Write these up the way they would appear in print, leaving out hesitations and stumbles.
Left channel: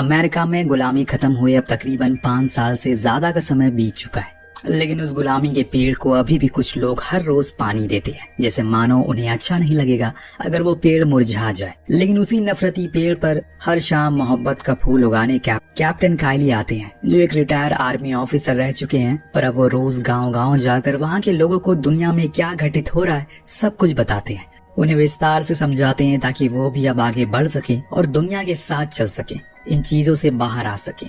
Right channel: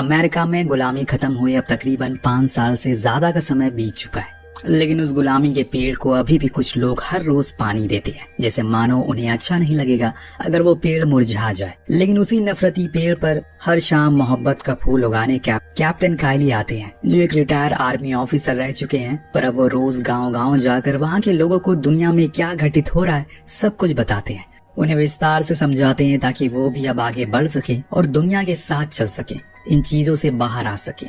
America में गुलामी खत्म हुए अब तकरीबन 5 साल से ज्यादा का समय बीत चुका है, लेकिन उस गुलामी के पेड़ को अभी भी कुछ लोग हर रोज पानी देते हैं, जैसे मानो उन्हें अच्छा नहीं लगेगा अगर वो पेड़ मुरझा जाए। लेकिन उसी नफरती पेड़ पर हर शाम मोहब्बत का फूल उगाने कैप्टन काइली आते हैं, जो एक रिटायर आर्मी ऑफिसर रह चुके हैं, पर अब वो रोज गाँव-गाँव जाकर वहाँ के लोगों को दुनिया में क्या घटित हो रहा है सब कुछ बताते हैं। उन्हें विस्तार से समझाते हैं ताकि वो भी अब आगे बढ़ सके और दुनिया के साथ चल सके, इन चीजों से बाहर आ सके।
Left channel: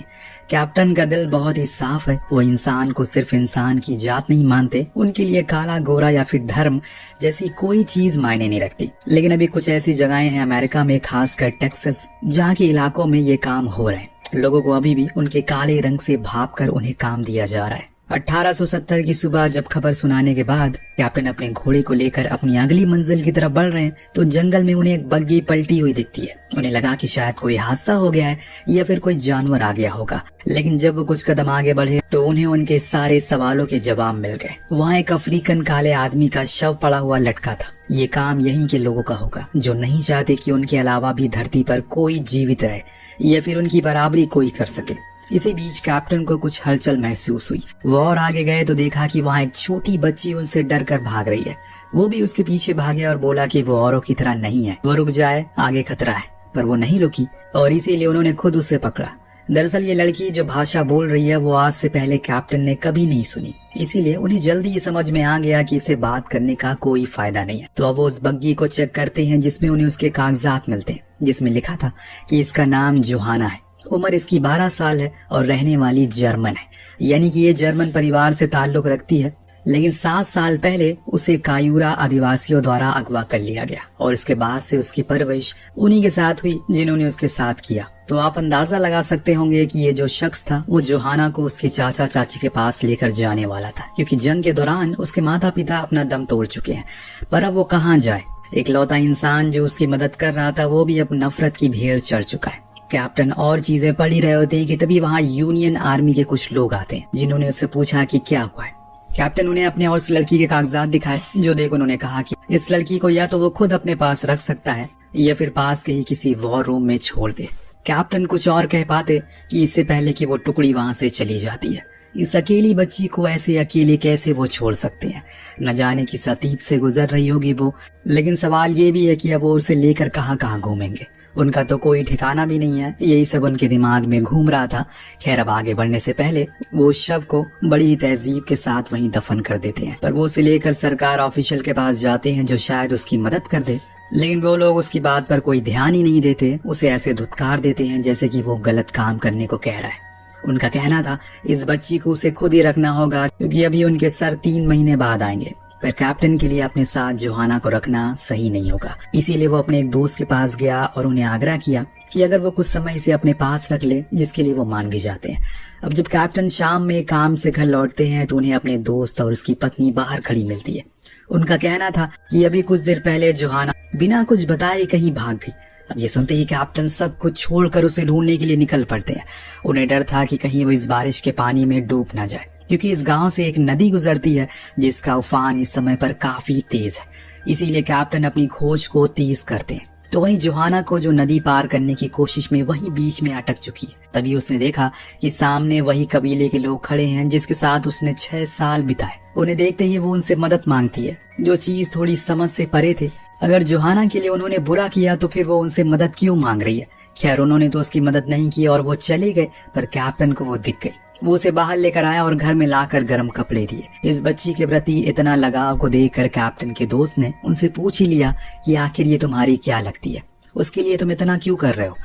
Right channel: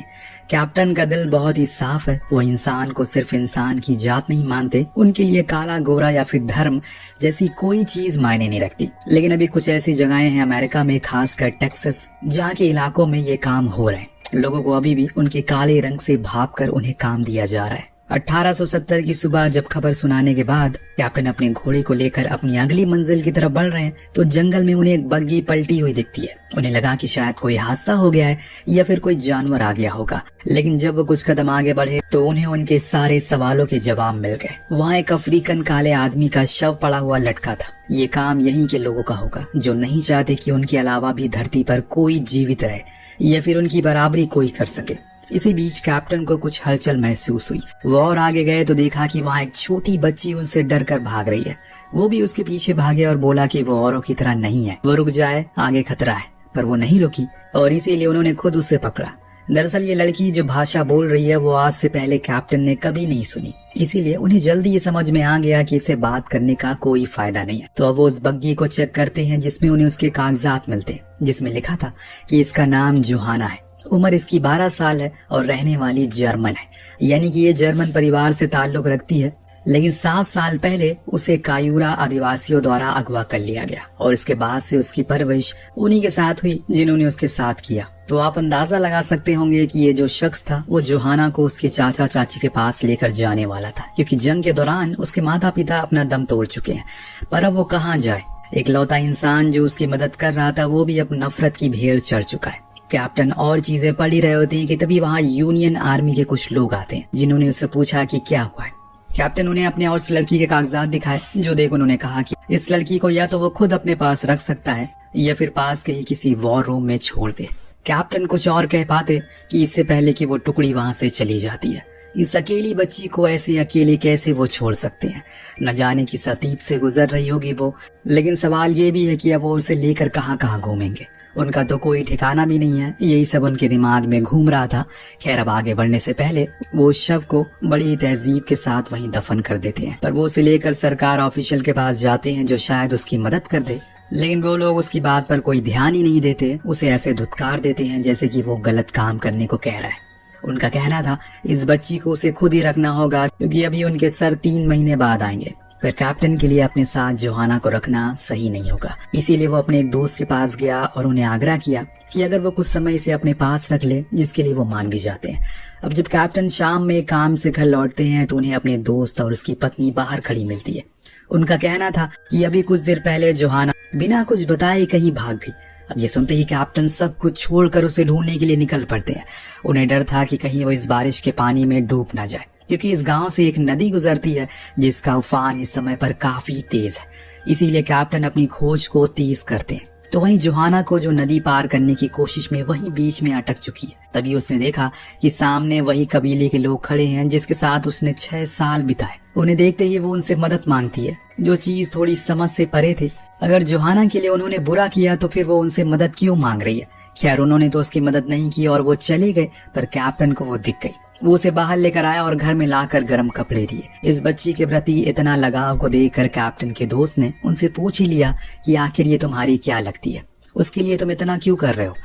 कैप्टन का दिल बहुत ही साफ है, वो इंसान को सिर्फ इंसान की जात नहीं मानते, उनके लिए काला गोरा या फिर धर्म जैसी कोई चीज मायने नहीं रखती। लेकिन अभी कुछ ऐसी जगहें हैं अमेरिका में, खासकर टेक्सास, जहाँ के इलाकों में ये काम हो रहे हैं। लोगों को अभी भी उनके काले रंग से भाप कर उन्हें काम दिया जा रहा है। 1870 की सुबह जब खबर सुनाने के बाद कैप्टन अपने घोड़े को लेकर अपनी अगली मंजिल की तरफ बढ़ रहे हैं, तो जंगल में उन्हें एक बग्गी पलटी हुई दिखती है। उन्हें लगा कि शायद कोई हादसा हो गया है या फिर कोई जानवर आ गया होगा। लेकिन जब वो कुछ कदम आगे बढ़े तो उन्हें उनके सारे सवालों के जवाब मिल गए। वहाँ एक अफ्रीकन काले आदमी का शव पड़ा हुआ लटका था। ये काम यहीं के लोगों का होगा, जो नहीं चाहते कि उनके अलावा भी धरती पर कोई जीवित रहे या फिर उनकी बराबरी कोई कर सके। इसी बीच कैप्टन को कुछ हलचल महसूस हुई। वो और आगे गए तो देखा कि वहाँ एक छोटी बच्ची उससे डर कर भाग रही है। वो भी उसके पीछे भागे और बोला कि वो औरों की तरह नहीं है, वो रुक जाए, आगे खतरा है। पर वो नहीं रुकी और इसीलिए उन्होंने खुद उसे पकड़ा। दरअसल ये लड़की जो भाषा बोल रही है वो आज से पहले कैप्टन ने कभी नहीं सुनी, इसीलिए उन्हें जल्दी ये समझ में आ गया कि इससे बात करने का कोई फायदा नहीं है। तो अब वो उस बग्गी को चेक करते हैं, जिसमें उन्हें उसके कागजात मिलते हैं, जिसमें लिखा था कि इसका नाम जोहाना है, उम्र इसकी 12 साल है और रहने वाली जर्मन है, यानी कि ये जर्मन परिवार से ताल्लुक रखती है। लेकिन 7 साल पहले उसे कायूरा आदिवासियों द्वारा अगवा कर लिया गया और इसके बाद से उसकी परवरिश उन्हीं के साथ हुई जिन्होंने उसके साथ किया। तो आप अंदाजा लगा सकते होंगे कि ये जो शख्स था वो जोहाना को उसके चाचा चाची के पास लेकर जाने वाला था, क्योंकि जंग के दौरान उसके माता पिता अपना दम तोड़ चुके हैं। पर अब वो कहाँ जाए? इकलौता इंसान जो उसकी मदद कर रहा था वो भी अब नफरत की भेड़ चढ़ चुका है। कैप्टन और चीजें पढ़ ही रहे होते हैं कि तभी वहाँ यूनियन आर्मी के कुछ लोग आते हैं, जिन्होंने उससे पूछा कि क्या हुआ है। कैप्टन उन्हें अपने और उस लड़की के कागजात दिखाए, जो देख उन्होंने कहा कि इस लड़की को या तो वो खुद अपने पास रख सकता है या फिर पास के ही किसी वॉर रूम में छोड़ दे। कैप्टन कुछ और कह पाते कि इससे पहले कि वो टुकड़ी वहाँ से चली जाती है। इस अकेली बच्ची को ऐसे अकेले कैसे वो छोड़ सकते हैं? न जाने किस अतीत से गुजर रही होगी वो, लेकिन सवाल ये भी है कि अब वो उसे लेकर कहाँ कहाँ घूमेंगे। उनका तो कोई ठिकाना भी नहीं है, यही सब उनके दिमाग में घूम रहा था। खैर, अब आगे बढ़ने से पहले वो उस शव को बड़ी ही तहजीब के साथ वहीं दफन कर देते हैं। पर वो उसे लेकर सरकार ऑफिशियल के पास जाते हैं, जो शायद उसकी मदद कर दे। लेकिन वो लोग उसकी बात पर कोई ध्यान ही नहीं देते, उसे ऐसे धुतकार देते हैं जैसे कि वो गलत काम करने को कह रहा है। उनका कहना था इस बच्ची को उसे खुद ही रखना होगा, क्योंकि अभी उनके सर 3 महीने बाद आएंगे। पर कैप्टन के लिए अपने साथ जोहाना को रखना सही नहीं होगा, इसीलिए वो अपने एक दोस्त के पास गया और उन्हें आग्रह किया कि अगर वो कुछ समय इसे अपने पास रख ले, जिसके लिए वो मान भी जाते हैं। अब जब कैप्टन शाम में काम से घर लौटते हैं तो उन्हें अपने दोस्त और उसकी पत्नी बाहर खड़ी मिलती है। उनका कहना था कि अभी कुछ देर पहले जोहाना बिना कुछ बताए कहीं भाग गई। अब ये सुनते ही कैप्टन सब कुछ छोड़कर उसे ढूंढने के लिए निकल पड़ते हैं। उन्हें डर था कि कहीं वो इस बारिश के पानी में डूब ना जाए, क्योंकि इस गांव से एक नदी गुजरती है जिसका उफान इस समय पर काफी तेज है। इसीलिए कैप्टन अपनी खोज को तेज करते हैं। तो वहीं जोहाना को, जो नदी पार करने की कोशिश में वही बीच में अटक चुकी है, तभी उसने देखा कि सामने वही कबीले के लोग खड़े हैं जिसके साथ उसने 6 साल बिताए। उन्हें देखते ही वो उनसे मदद मांगती है, जो चीज थोड़ी समझ से परे थे। अगर जोहाना के लिए उन्होंने बुरा किया तो फिर वो उनसे मदद क्यों मांग रही है? खैर, उन्होंने तो उसकी मदद नहीं की और वो चले गए, पर कैप्टन को वो दिख गई। वो उसे बाहर लेकर आया और घर में लाकर गर्म कपड़े दिए। इस बच्ची के प्रति इतना लगाव को देखकर कैप्टन के दोस्त ने उनसे पूछ ही लिया कि आखिर ये तुम्हारी क्या लगती है, उसके लिए तुम इतना क्यों कर रहे हो?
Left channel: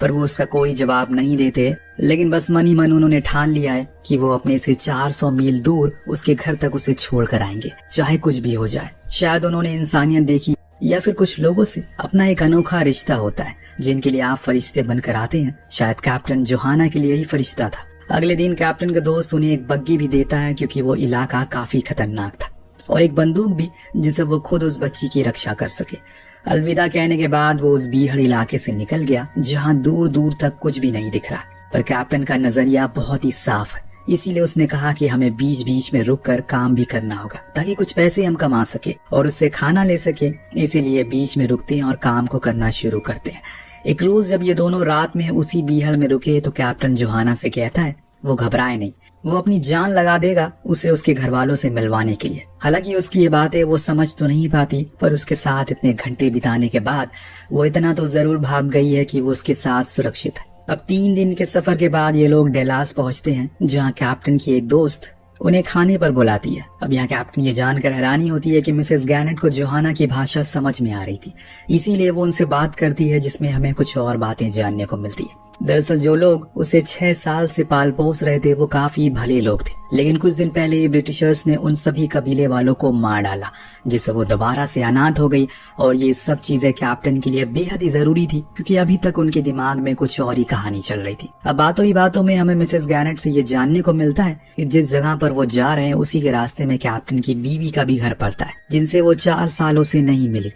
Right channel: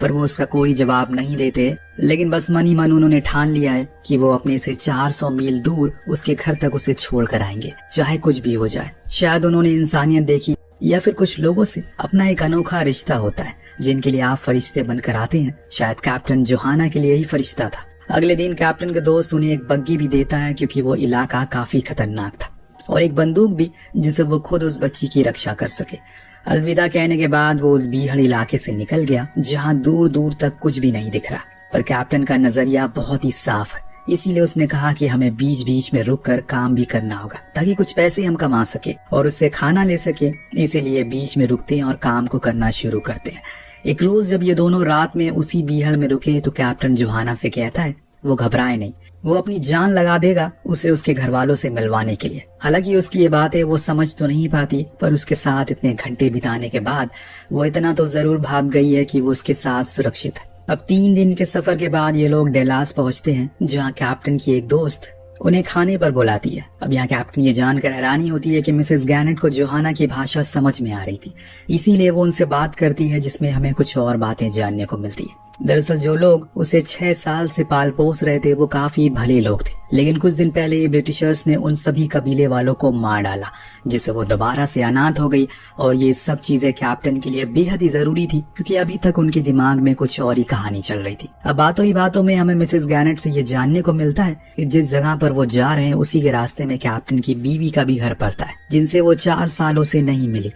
पर वो उसका कोई जवाब नहीं देते। लेकिन बस मन ही मन उन्होंने ठान लिया है कि वो अपने से 400 मील दूर उसके घर तक उसे छोड़ कर आएंगे, चाहे कुछ भी हो जाए। शायद उन्होंने इंसानियत देखी, या फिर कुछ लोगों से अपना एक अनोखा रिश्ता होता है जिनके लिए आप फरिश्ते बनकर आते हैं। शायद कैप्टन जोहाना के लिए ही फरिश्ता था। अगले दिन कैप्टन का दोस्त उन्हें एक बग्गी भी देता है, क्योंकि वो इलाका काफी खतरनाक था, और एक बंदूक भी जिससे वो खुद उस बच्ची की रक्षा कर सके। अलविदा कहने के बाद वो उस बीहड़ इलाके से निकल गया, जहाँ दूर दूर तक कुछ भी नहीं दिख रहा। पर कैप्टन का नजरिया बहुत ही साफ है, इसीलिए उसने कहा कि हमें बीच बीच में रुककर काम भी करना होगा, ताकि कुछ पैसे हम कमा सके और उससे खाना ले सके। इसीलिए बीच में रुकते हैं और काम को करना शुरू करते हैं। एक रोज जब ये दोनों रात में उसी बीहड़ में रुके तो कैप्टन जोहाना से कहता है वो घबराए नहीं, वो अपनी जान लगा देगा उसे उसके घर वालों से मिलवाने के लिए। हालांकि उसकी ये बातें वो समझ तो नहीं पाती, पर उसके साथ इतने घंटे बिताने के बाद वो इतना तो जरूर भाग गई है कि वो उसके साथ सुरक्षित है। अब 3 दिन के सफर के बाद ये लोग डेलास पहुंचते हैं, जहाँ कैप्टन की एक दोस्त उन्हें खाने पर बुलाती है। अब यहाँ कैप्टन ये जानकर हैरानी होती है कि मिसेस गैनेट को जोहाना की भाषा समझ में आ रही थी, इसीलिए वो उनसे बात करती है, जिसमें हमें कुछ और बातें जानने को मिलती है। दरअसल जो लोग उसे 6 साल से पाल पोस रहे थे वो काफी भले लोग थे, लेकिन कुछ दिन पहले ब्रिटिशर्स ने उन सभी कबीले वालों को मार डाला, जिससे वो दोबारा से अनाथ हो गई। और ये सब चीजें कैप्टन के लिए बेहद ही जरूरी थी, क्योंकि अभी तक उनके दिमाग में कुछ और ही कहानी चल रही थी। अब बातों ही बातों में हमें मिसेस गैनेट से ये जानने को मिलता है कि जिस जगह पर वो जा रहे हैं उसी के रास्ते में कैप्टन की बीवी का भी घर पड़ता है, जिनसे वो 4 सालों से नहीं मिली।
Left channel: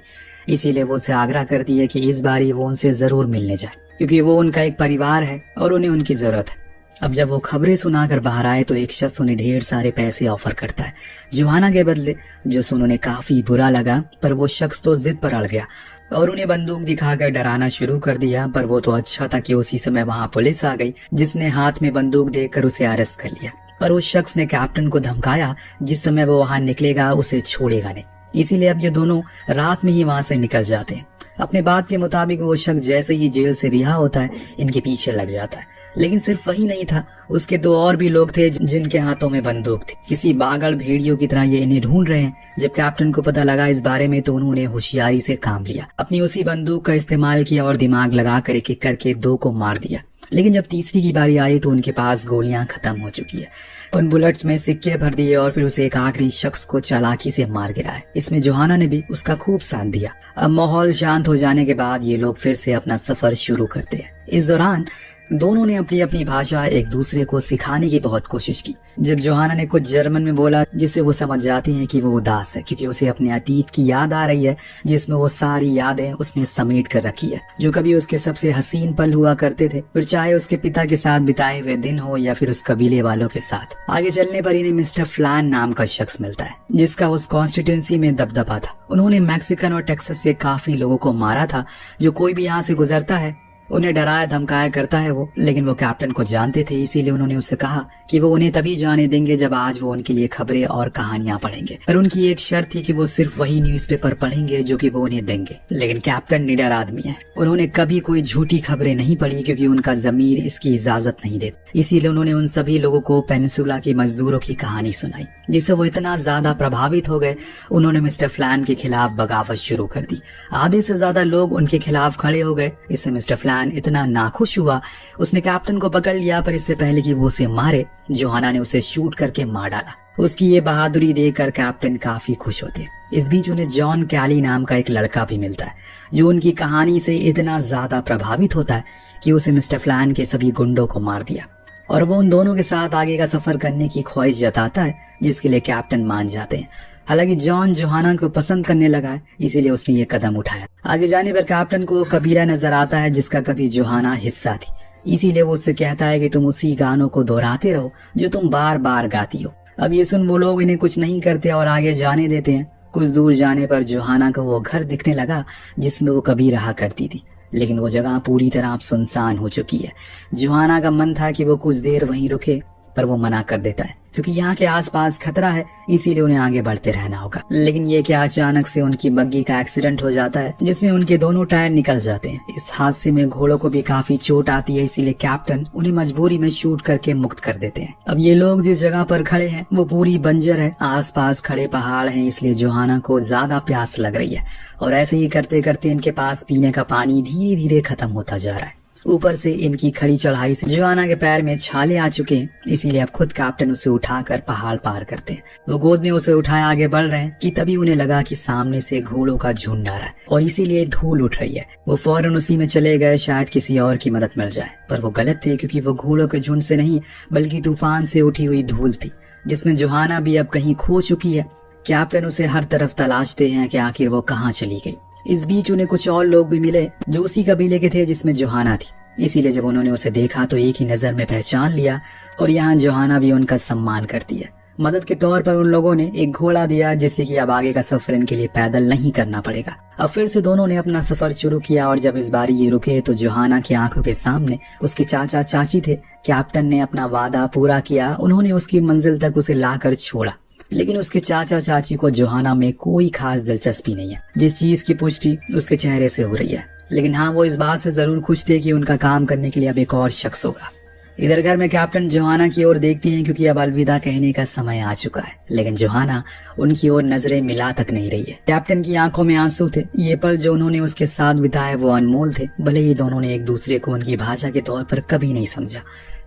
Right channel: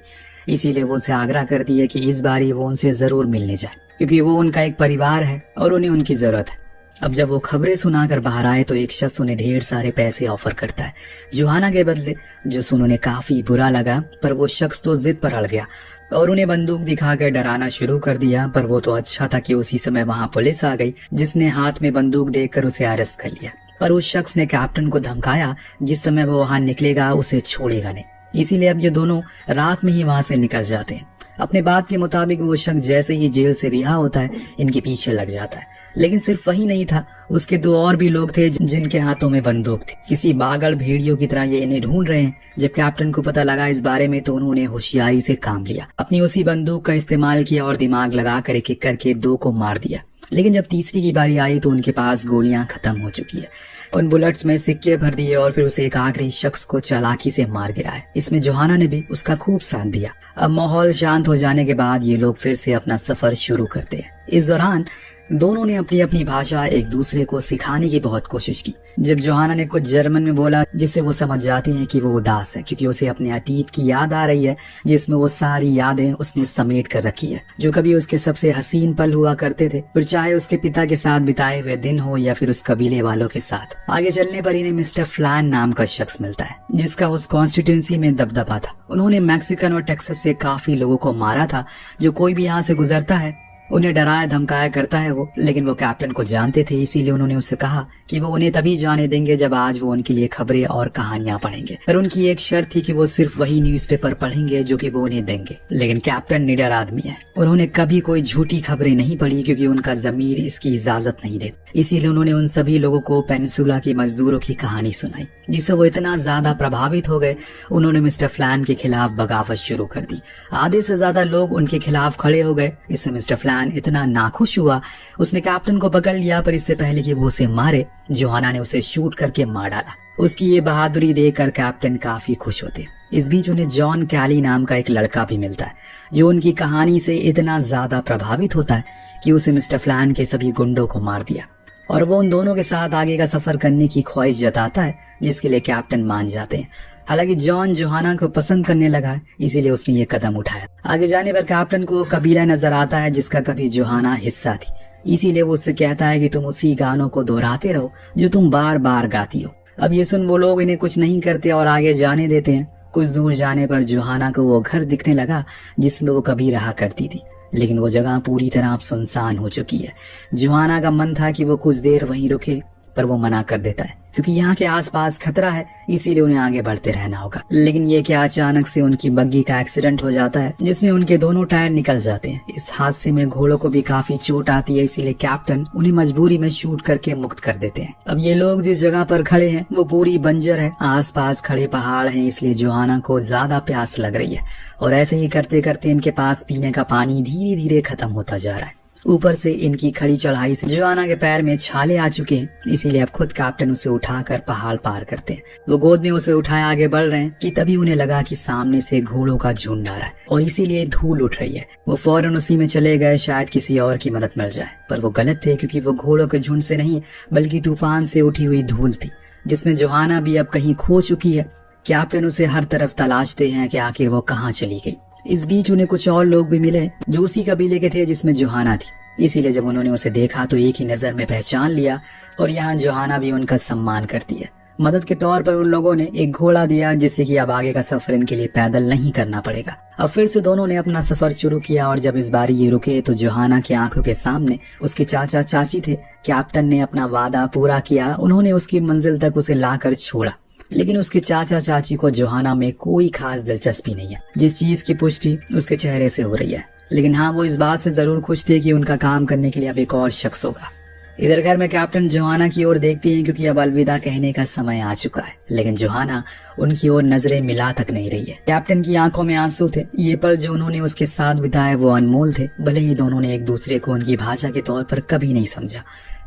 इसीलिए वो उसे आग्रह करती है कि इस बारी वो उनसे जरूर मिलने जाए, क्योंकि वो उनका एक परिवार है और उन्हें उनकी जरूरत है। अब जब वो खबरें सुनाकर बाहर आए तो एक शख्स उन्हें ढेर सारे पैसे ऑफर करता है जोहाना के बदले, जो सुन उन्हें काफी बुरा लगा। पर वो शख्स तो जिद पर अड़ गया और उन्हें बंदूक दिखाकर डराना शुरू कर दिया। पर वो तो अच्छा था कि उसी समय वहाँ पुलिस आ गई, जिसने हाथ में बंदूक देखकर उसे अरेस्ट कर लिया। पर उस शख्स ने कैप्टन को धमकाया, जिस समय वो वहाँ निकलेगा उसे छोड़ेगा नहीं। इसीलिए अब ये दोनों रात में ही वहाँ से निकल जाते हैं। अपने बात के मुताबिक वो शख्स जैसे ही जेल से रिहा होता है इनके पीछे लग जाता है। लेकिन सिर्फ वही नहीं था, उसके 2 और भी लोग थे जिनके हाथों में बंदूक थी। किसी पागल भेड़ियों की तरह ये इन्हें ढूंढ रहे हैं। जब कैप्टन को पता लगा इस बारे में तो उन्होंने होशियारी से काम लिया, अपनी उसी बंदूक का इस्तेमाल किया और दिमाग लगा कर एक एक करके 2 को मार दिया। लेकिन जब तीसरी की बारी आई तो उनके पास गोलियां खत्म हो चुकी है। उन बुलेट्स में सिक्के भर दिए और फिर उसे एक आखिरी शख्स को चालाकी से मार गिराया। इसमें जोहाना ने भी उसका खूब साथ दिया। अब माहौल शांत हो जाने के बाद ये लोग फिर से अपना सफर शुरू करते हैं। इस दौरान दोनों ने अपनी अपनी भाषा एक दूसरे को सिखाने की बहुत कोशिश की। जब जोहाना ने कुछ जर्मन में बोला, जिससे वो समझ जाती हैं कि वो उदास है, क्योंकि उसे अपने अतीत की याद आ रही है, जिसमें वो सारी यादें उसने समेट कर रखी है, जो कभी उसके सबसे हसीन पल हुआ करते थे, फिर चाहे उसके पिता के साथ बिताए हुए दिन हो या फिर उस कबीले वालों के साथ। आगे चलने पर इन्हें मिस्टर फ्लैन नाम का शख्स मिलता है, जिसका उस कॉन्स्टिट्यूंसी में दबदबा था। उन्होंने मैक्सिकन और टेक्सास से काफी लोगों को मारा था। जो कोई भी यहाँ से गुजरता है उन्हें डराया धमकाया करता है वो, लेकिन वो कैप्टन को जानते थे, इसीलिए उन्होंने उससे कहा कि वो उन्हें तभी जाने देंगे जब आज वो उनके लिए खबरें और कहानियां पढ़ेंगे। और उनकी एक शर्त थी कि वो सिर्फ वही न्यूज़पेपर पढ़ेंगे जो कि वो उन्हें देंगे। लेकिन कैप्टन निडर आदमी है, उन्होंने कभी कोई झूठी खबरें नहीं पढ़ी, क्योंकि उनका जमीर इसकी इजाजत नहीं देता। इसीलिए उन्होंने उन सभी लोगों को पेनिनसुला की मजदूरों की कहानी सुनाई, जिससे वो इतना ज्यादा प्रभावित हो गए उन्होंने मिस्टर फ्लैन के खिलाफ बगावत शुरू कर दी। आधे से ज्यादा लोग उनके खिलाफ खड़े हो गए। इससे मिस्टर फ्लैन इतना नाखुश हुआ, उसने कैप्टन को पकड़ लिया, पर इससे पहले कि वो उसे मारे जोहाना ने उसे शूट करके मार डाला। उसकी ये बहादुरी देखकर कैप्टन काफी खुश होते। इस बीच उन्हें जॉन कैली नाम का एक लड़का भी मिलता है, जो उनकी कहानी से इतना ज्यादा प्रभावित होता है कि उसे मिस्टर फ्लैन के सभी गुंडों को मार दिया, और वो उन दोनों के साथ आगे का सफर करने की ख्वाहिश जताता है, जिसके लिए कैप्टन मान जाते हैं। हालांकि जॉन जोहाना को पसंद करने लगा है, इसीलिए उसने ये कदम उठाया। आगे जाने पर कैप्टन को कबीला नजर आता है जिसका कभी जोहाना हिस्सा थी, इसीलिए वो उससे कहता है कि तुम उसी गानों को दोहराते रहो जो तुम बार बार गाती हो। अब ये सुन वो लोग इन्हें कुछ नहीं करते और आगे जाने देते हैं। कुछ दूर जाने पर जोहाना को वो घर दिखने लगा जिसमें वो कभी रहा करती थी, लेकिन वो जगह पूरी तरह अब सुनसान हो चुकी है। जोहाना का मन था कि वो कुछ देर वहीं रुके, पर वो मना कर देता है, क्योंकि यहाँ के आसपास खतरा है, इसीलिए उन्हें आगे बढ़ते रहना होगा। लेकिन ये क्या अचानक से उनकी बग्गी का एक्सीडेंट हो जाता है, जिसमें उनके दोनों टायर निकल जाते हैं। इस हादसे में घोड़ों को भी काफी चोट आती है, इसीलिए कैप्टन उन्हें मजबूरी में शूट करके मुक्त कर देते हैं। अब ये लोग जिस जगह पर खड़े हैं वो पूरी बंजर है, आसपास खड़े पहाड़ हैं, इसलिए जोहाना को ज्यादा प्यास लग रही है, और ऐसे ही करते करते इनके पास पीने का पानी धीरे धीरे खत्म होता जा रहा है। ऊपर से इनकी खड़ी चढ़ाई से जोहाना के पैर में छाले आ चुके हैं, इसीलिए अब खुद कैप्टन उसे उठाकर पहाड़ पार करते हैं। वो गोद में उसे उठाए आगे बढ़ रहे हैं कि तभी उन्हें लगा कि सामने से घोड़ों का झुंड आ रहा है और इसीलिए धूल उठ रही है। वो फौरन उसी में चले गए, शायद किसी और की मदद मिल जाए, पर वो गलत थे, क्योंकि वो घोड़ों के झुंड से नहीं बल्कि तूफान से उठी हुई धूल थी, जिसमें जोहाना भी अब कहीं खो चुकी है। कैप्टन उसे हर तरफ तलाशते हैं कि आखिर वो कहाँ चली गई। इस बीच उन्हें कुछ और लोग भी मिले जो उसी कबीले के थे जिसमें जोहाना थी, इसीलिए जब उन्होंने उसे देखा तो एक ही नजर में पहचान लिया, और यहाँ जोहाना भी उनका सम्मान करती है। मदद के तौर पर उन लोगों ने एक घोड़ा दिया, जिससे कि अब आगे का सफर इनके लिए पैदल नहीं करना पड़ेगा। अब फिर से दोनों ने अपना सफर शुरू किया और जब इस बार ये रुके तो जोहाना की आंखों के सामने उसके चाचा चाची थे। कैप्टन ने अपना वादा पूरा किया, उन्होंने उसकी मंजिल तक उसे लाकर छोड़ा। लेकिन उसके चाचा चाची को जोहाना में कोई खास दिलचस्पी नहीं है, जिस चीज की पुष्टि उसके चेहरे से हो रही है। लेकिन हाँ, वो इस बात से जरूर खुश थे कि उनका काम करने के लिए अब एक और शख्स होगा। इधर घर में कैप्टन जोहाना की ओर देखती हैं क्योंकि अब अलविदा कहने का समय आ चुका है, लेकिन जोहाना उनकी ओर नजरें मिला तक नहीं रही है। कैप्टन की आंखों में आंसू थे। ये पल जो उन्होंने उसके साथ बिताए वो अनमोल थे। भले ही दोनों ने एक दूसरे को उनकी भाषा के तौर पर कभी नहीं समझा,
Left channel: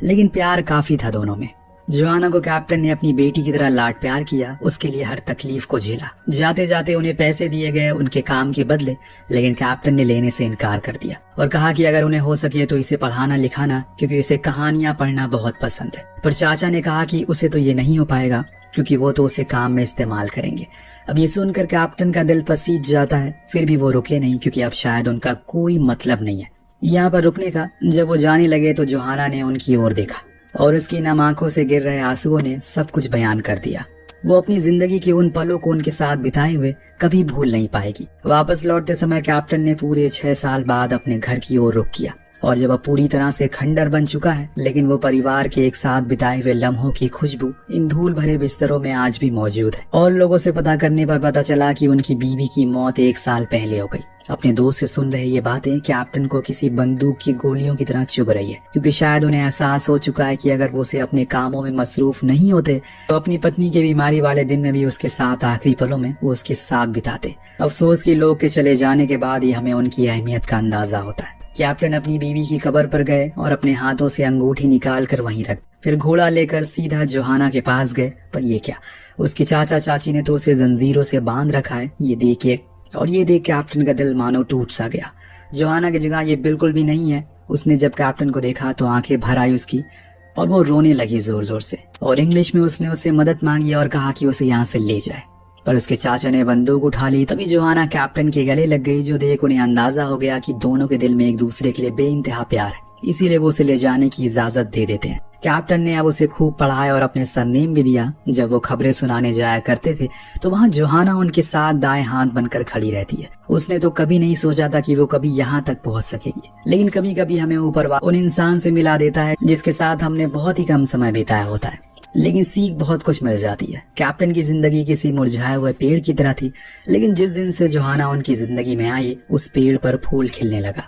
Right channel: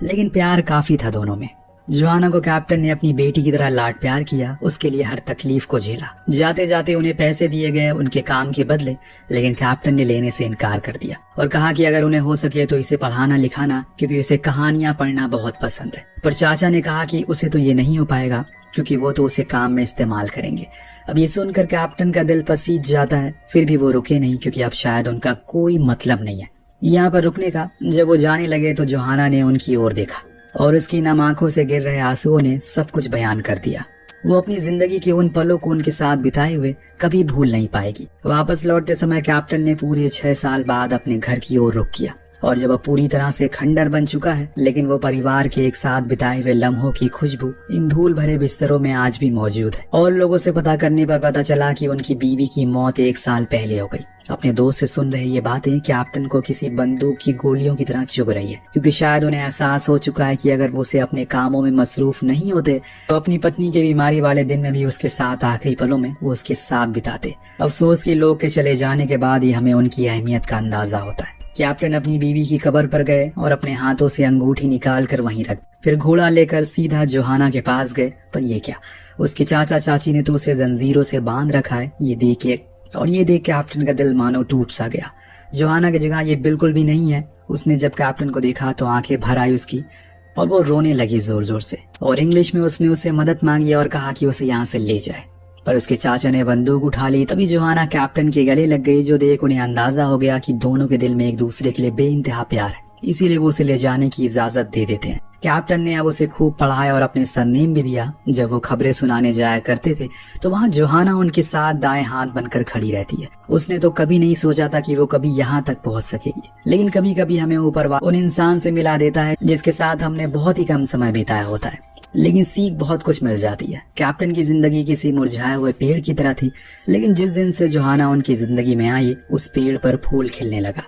लेकिन प्यार काफी था दोनों में। जोहाना को कैप्टन ने अपनी बेटी की तरह लाड प्यार किया, उसके लिए हर तकलीफ को झेला। जाते जाते उन्हें पैसे दिए गए उनके काम के बदले, लेकिन कैप्टन ने लेने से इनकार कर दिया और कहा कि अगर उन्हें हो सके तो इसे पढ़ाना लिखाना, क्योंकि इसे कहानियां पढ़ना बहुत पसंद है। पर चाचा ने कहा कि उसे तो ये नहीं हो पाएगा क्योंकि वो तो उसे काम में इस्तेमाल करेंगे। अब ये सुनकर कैप्टन का दिल पसीज जाता है, फिर भी वो रुके नहीं क्योंकि अब शायद उनका कोई मतलब नहीं है यहाँ पर रुकने का। जब वो जाने लगे तो जोहाना ने उनकी ओर देखा और उसकी नम आंखों से गिर रहे आंसुओं ने सब कुछ बयान कर दिया। वो अपनी जिंदगी के उन पलों को उनके साथ बिताए हुए कभी भूल नहीं पाएगी। वापस लौटते समय कैप्टन ने पूरे 6 साल बाद अपने घर की ओर रुख किया और जब अब पूरी तरह से खंडर बन चुका है, लेकिन वो परिवार के एक साथ बिताए हुए लम्हों की खुशबू इन धूल भरे बिस्तरों में आज भी मौजूद है। और लोगों से पता करने पर पता चला कि उनकी बीवी की मौत 1 साल पहले हो गई। अपने दोस्त से सुन रहे ये बातें कैप्टन को किसी बंदूक की गोलियों की तरह चुभ रही है, क्योंकि शायद उन्हें एहसास हो चुका है कि अगर वो उसे अपने कामों में मसरूफ नहीं होते तो अपनी पत्नी की बीमारी वाले दिन में भी उसके साथ आखिरी पलों में वो उसके साथ बिताते। अफसोस कि लोग के चले जाने के बाद ही हमें उनकी अहमियत का अंदाजा होता है। कैप्टन अपनी बीवी की कब्र पर गए और अपने हाथों से अंगूठी निकाल कर वहीं रख, फिर घोड़ा लेकर सीधा जोहाना के पास गए। पर ये क्या, उसके चाचा चाची ने तो उसे जंजीरों से बांध रखा है। ये देख कैप्टन का दिल मानो टूट सा गया। जोहाना की जगह ये बिल्कुल भी नहीं है। उसने जब कैप्टन को देखा तो आंखें भर आई उसकी और वो रोने लगी जोर जोर से, और इंग्लिश में उसने उससे मदद मांगी और कहा कि उसे यहाँ से ले जाए। पर उसके चाचा ने बंदूक उठा ली। तभी जोहाना कैप्टन के गले लग गई, जो देख उन्हें अंदाजा हो गया कि दोनों के दिल में एक दूसरे के लिए बेइंतहा प्यार है, इसीलिए वो उसे ले जाने की इजाजत दे देते हैं। कैप्टन ने अब उसे खूब पढ़ाया और अपने सरनेम भी दिया। जब वो खबरें सुनाने जाया करते थे तो वहाँ जोहाना उनके साथ दाएं हाथ बनकर खड़ी रहती है। उसने तो कभी नहीं सोचा था कि वो कभी यहाँ तक पहुँच सकेगी, लेकिन कभी कभी हमें ऊपर उन इंसान से मिला देता है जिसके साथ हमने बहुत ही कम समय बिताया होता है, लेकिन सीख बहुत कुछ मिल जाती है। कैप्टन की जिंदगी किसी मुरझाए हुए पेड़ की तरह थी, लेकिन जिस दिन से जोहाना उनकी जिंदगी में आई उस पेड़ पर फूल खिलने लगा।